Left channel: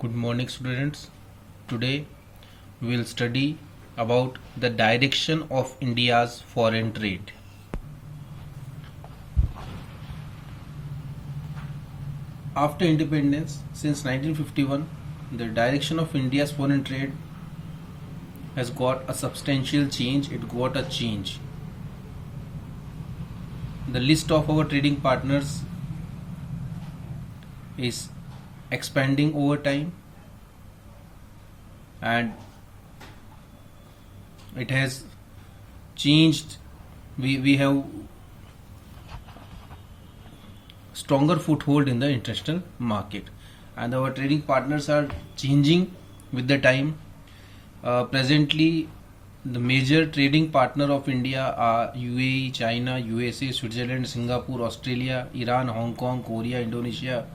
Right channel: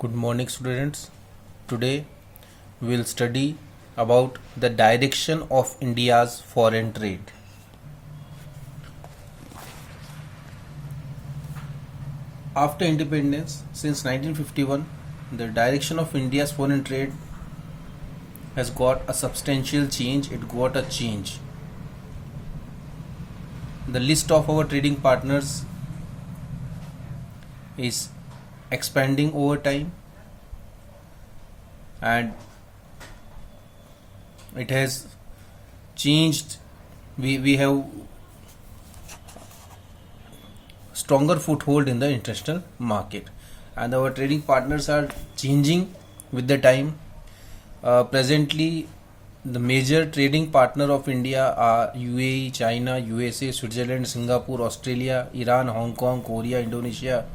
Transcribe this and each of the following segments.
Good morning, students. Today we will study about the direction of India's foreign trade. After independence, since 1951, the direction of India's foreign trade has got a substantial change. It got a change. The list of our trading partners is expanding over time, and it has changed. We have stronger foothold in the international market, and our trading partners are changing with the time. Presently, the major trading partner of India are UAE, China, USA, Switzerland, Singapore, Australia, Iran, Hong Kong, Korea, Indonesia,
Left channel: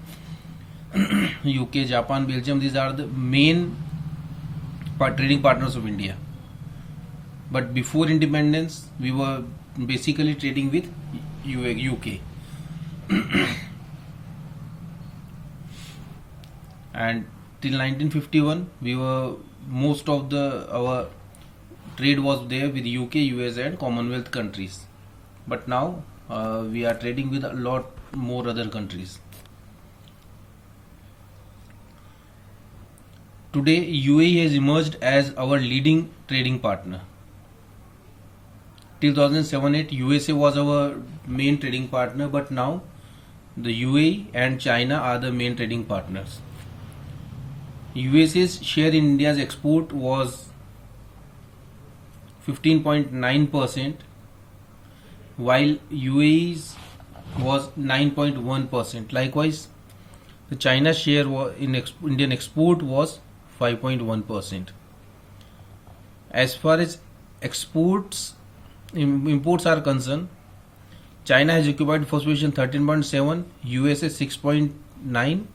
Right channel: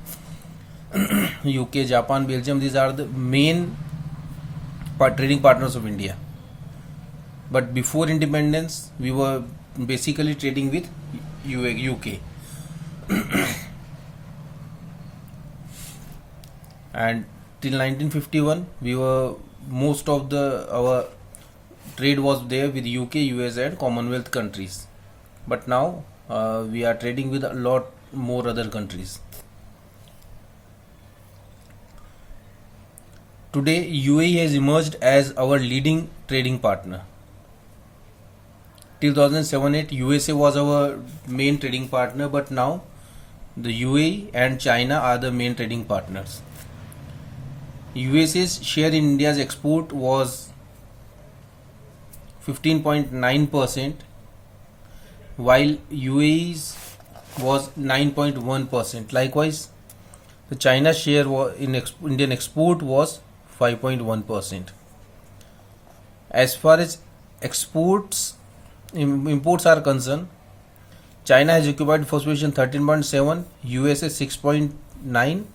UK, Japan, Belgium. These are the main trading partners of India. But before independence, we were basically trading with UK. And till 1951, most of our trade was there with UK, US, and Commonwealth countries. But now we are trading with a lot more other countries. Today, UAE has emerged as our leading trading partner. Till 2007-8, USA was our main trading partner, but now the UAE and China are the main trading partners. USA's share in India's export was 15.9%, while UAE's was 9.1%. Likewise, the China share in Indian export was 5.1%. As far as imports are concerned, China has occupied first position 13.7, USA 6.9,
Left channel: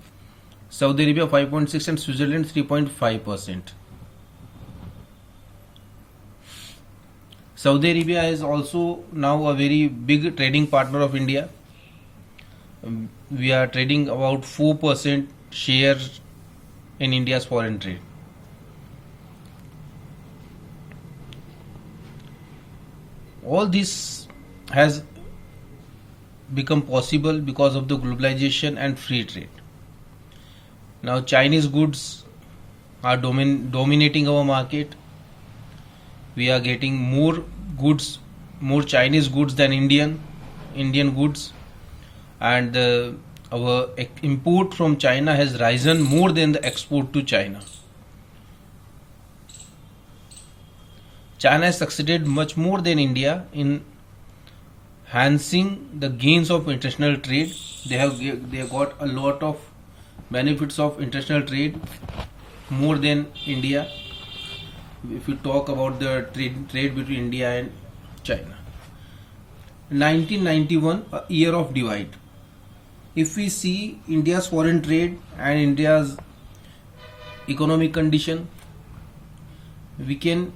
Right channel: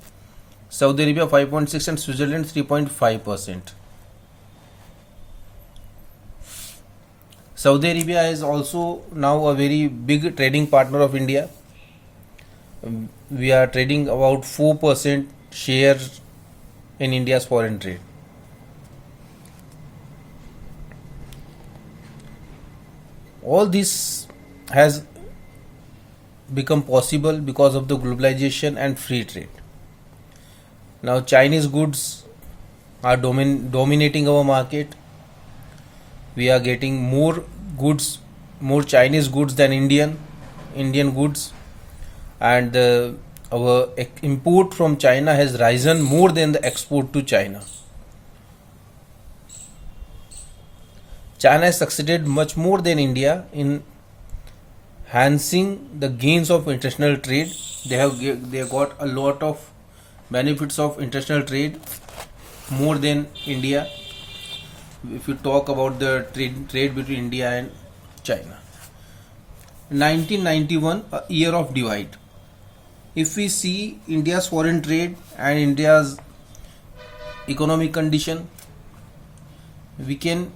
Saudi Arabia 5.6, and Switzerland 3.5%. Saudi Arabia is also now a very big trading partner of India. We are trading about 4% share in India's foreign trade. All this has become possible because of the globalization and free trade. Now Chinese goods are dominating our market. We are getting more Chinese goods than Indian goods, and our import from China has risen more than the export to China. China has succeeded much more than India in enhancing the gains of international trade. They have got a lot of benefits of international trade more than India. If you talk about the trade between India and China. 1991, a year of divide. If we see India's foreign trade and India's economic condition, we can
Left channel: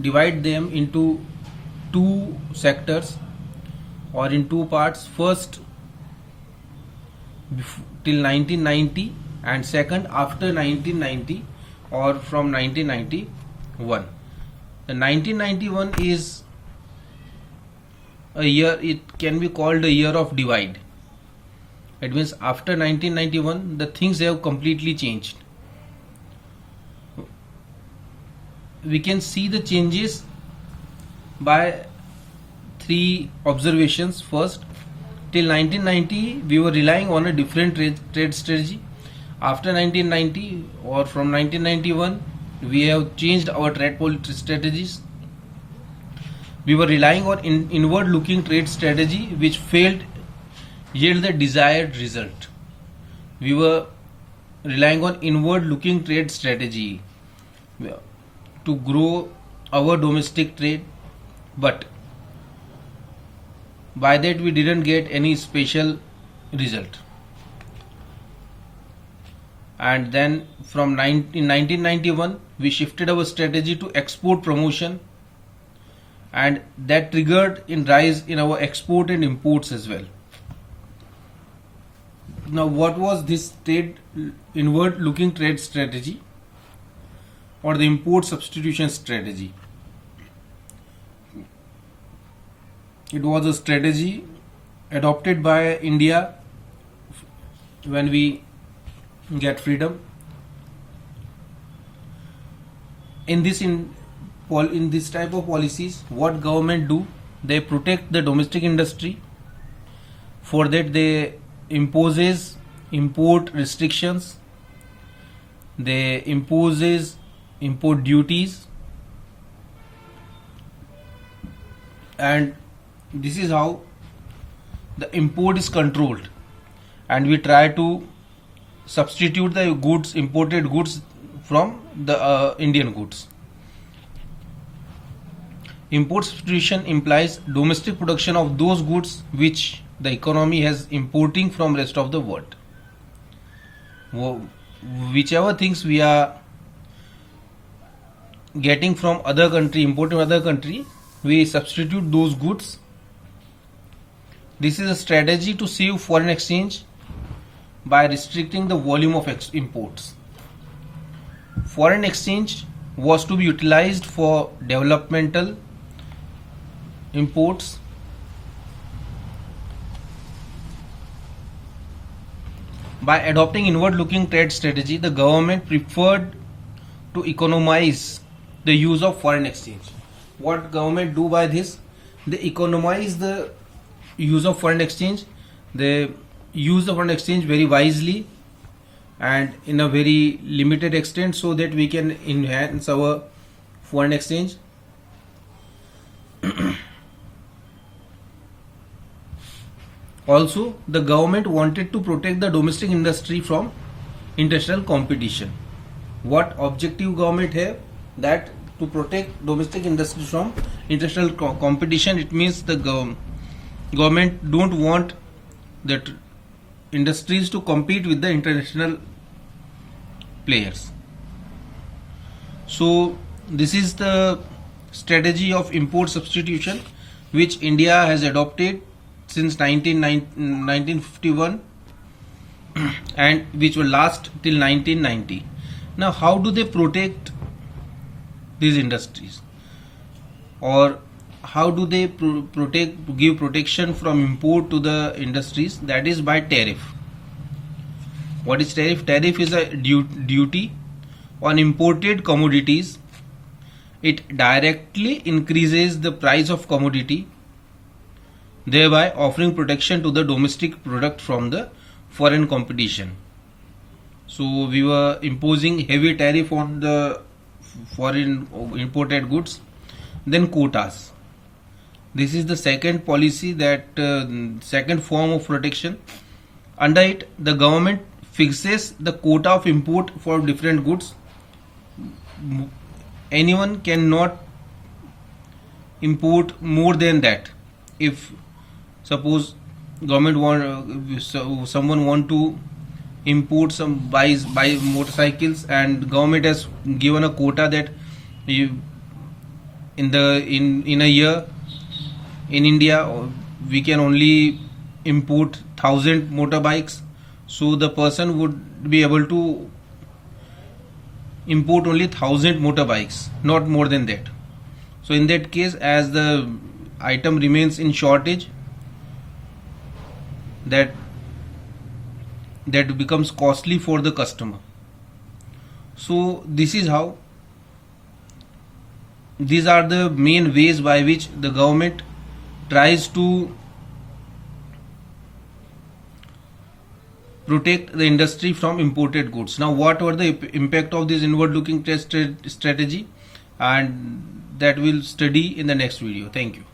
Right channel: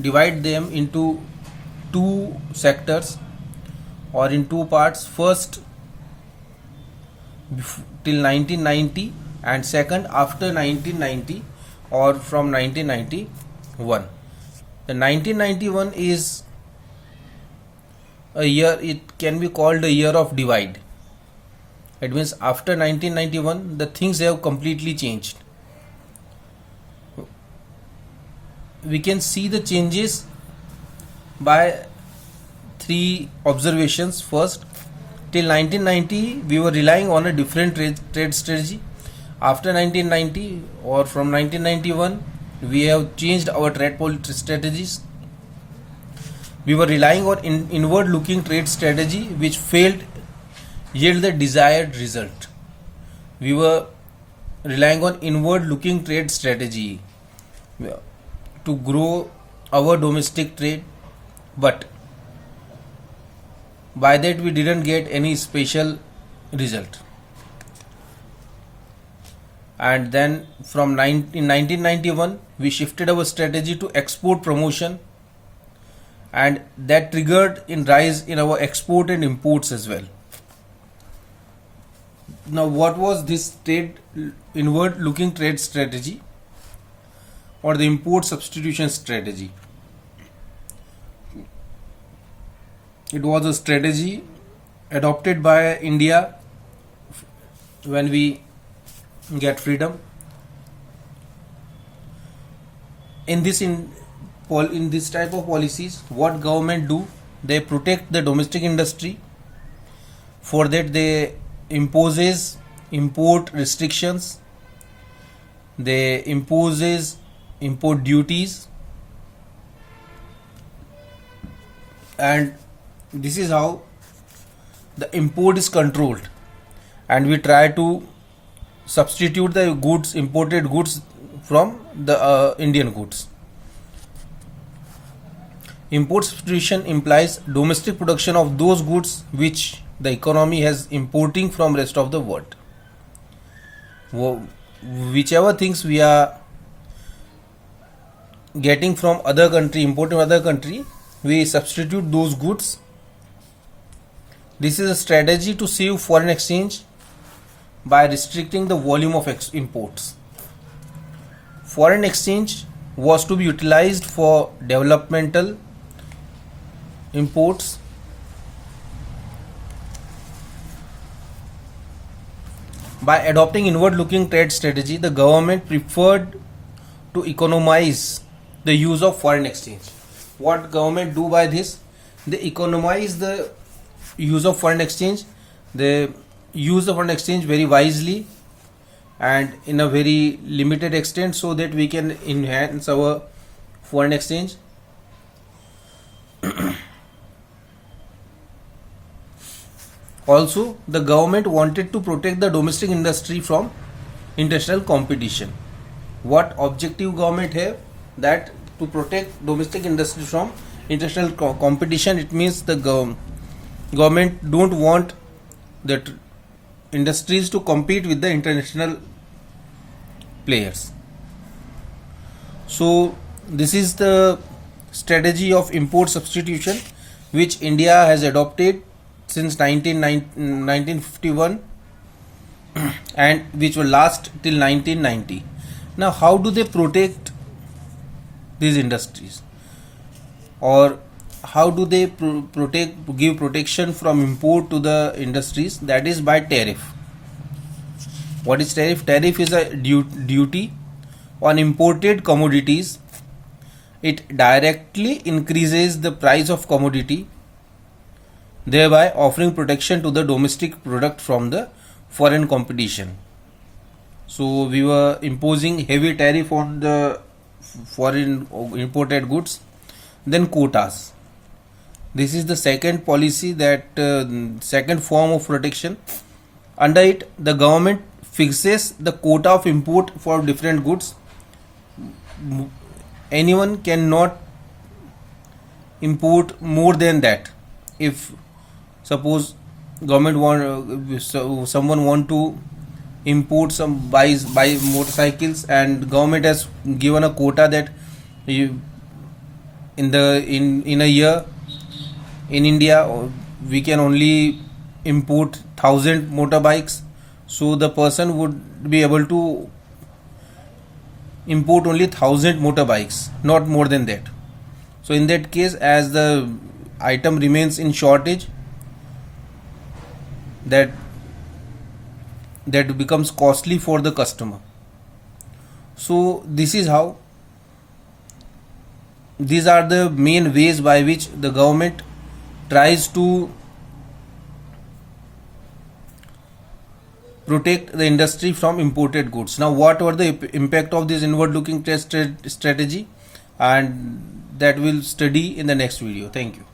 divide them into two sectors or in two parts. First, till 1990, and second, after 1990 or from 1991. The 1991 is a year, it can be called a year of divide. It means after 1991 the things have completely changed. We can see the changes by three observations. First, till 1990 we were relying on a different trade strategy. After 1990 or from 1991 we have changed our trade strategies. We were relying on inward looking trade strategy which failed yield the desired result. We were relying on inward looking trade strategy to grow our domestic trade, but by that we didn't get any special result. And then in 1991 we shifted our strategy to export promotion, and that triggered in rise in our export and imports as well. Now, what was this inward looking trade strategy or the import substitution strategy? It was a strategy adopted by India when we get freedom. In this type of policies, what government do? They protect the domestic industry. For that, they imposes import restrictions. They imposes import duties, and this is how the import is controlled, and we try to substitute the goods, imported goods, from the Indian goods. Import substitution implies domestic production of those goods which the economy has importing from rest of the world. Whichever things we are getting from other country, importing other country, we substitute those goods. This is a strategy to save foreign exchange by restricting the volume of imports. Foreign exchange was to be utilized for developmental imports. By adopting inward-looking trade strategy, the government preferred to economize the use of foreign exchange. What government do by this? They economize the use of foreign exchange. They use the foreign exchange very wisely and in a very limited extent, so that we can enhance our foreign exchange. Also, the government wanted to protect the domestic industry from international competition. What objective government have? That to protect domestic industry from international competition. It means the government don't want that industries to compete with the international players. So this is the strategy of import substitution which India has adopted since 1951 and which will last till 1990. Now, how do they protect these industries, or how do they give protection from import to the industries? That is by tariff. What is tariff? Tariff is a duty on imported commodities. It directly increases the price of commodity, thereby offering protection to the domestic product from the foreign competition. So we were imposing heavy tariff on the foreign imported goods. Then quotas. This is the second policy, that second form of protection. Under it, the government fixes the quota of import for different goods. Anyone cannot import more than that. If suppose someone want to import buy motorcycles, and government has given a quota that in a year in India we can only import 1000 motorbikes, so the person would be able to import only 1000 motorbikes, not more than that. So in that case, as the item remains in shortage, that becomes costly for the customer. So this is how, these are the main ways by which the government tries to protect the industry from imported goods. Now, what were the impact of this inward looking trade strategy, and that we'll study in the next video. Thank you.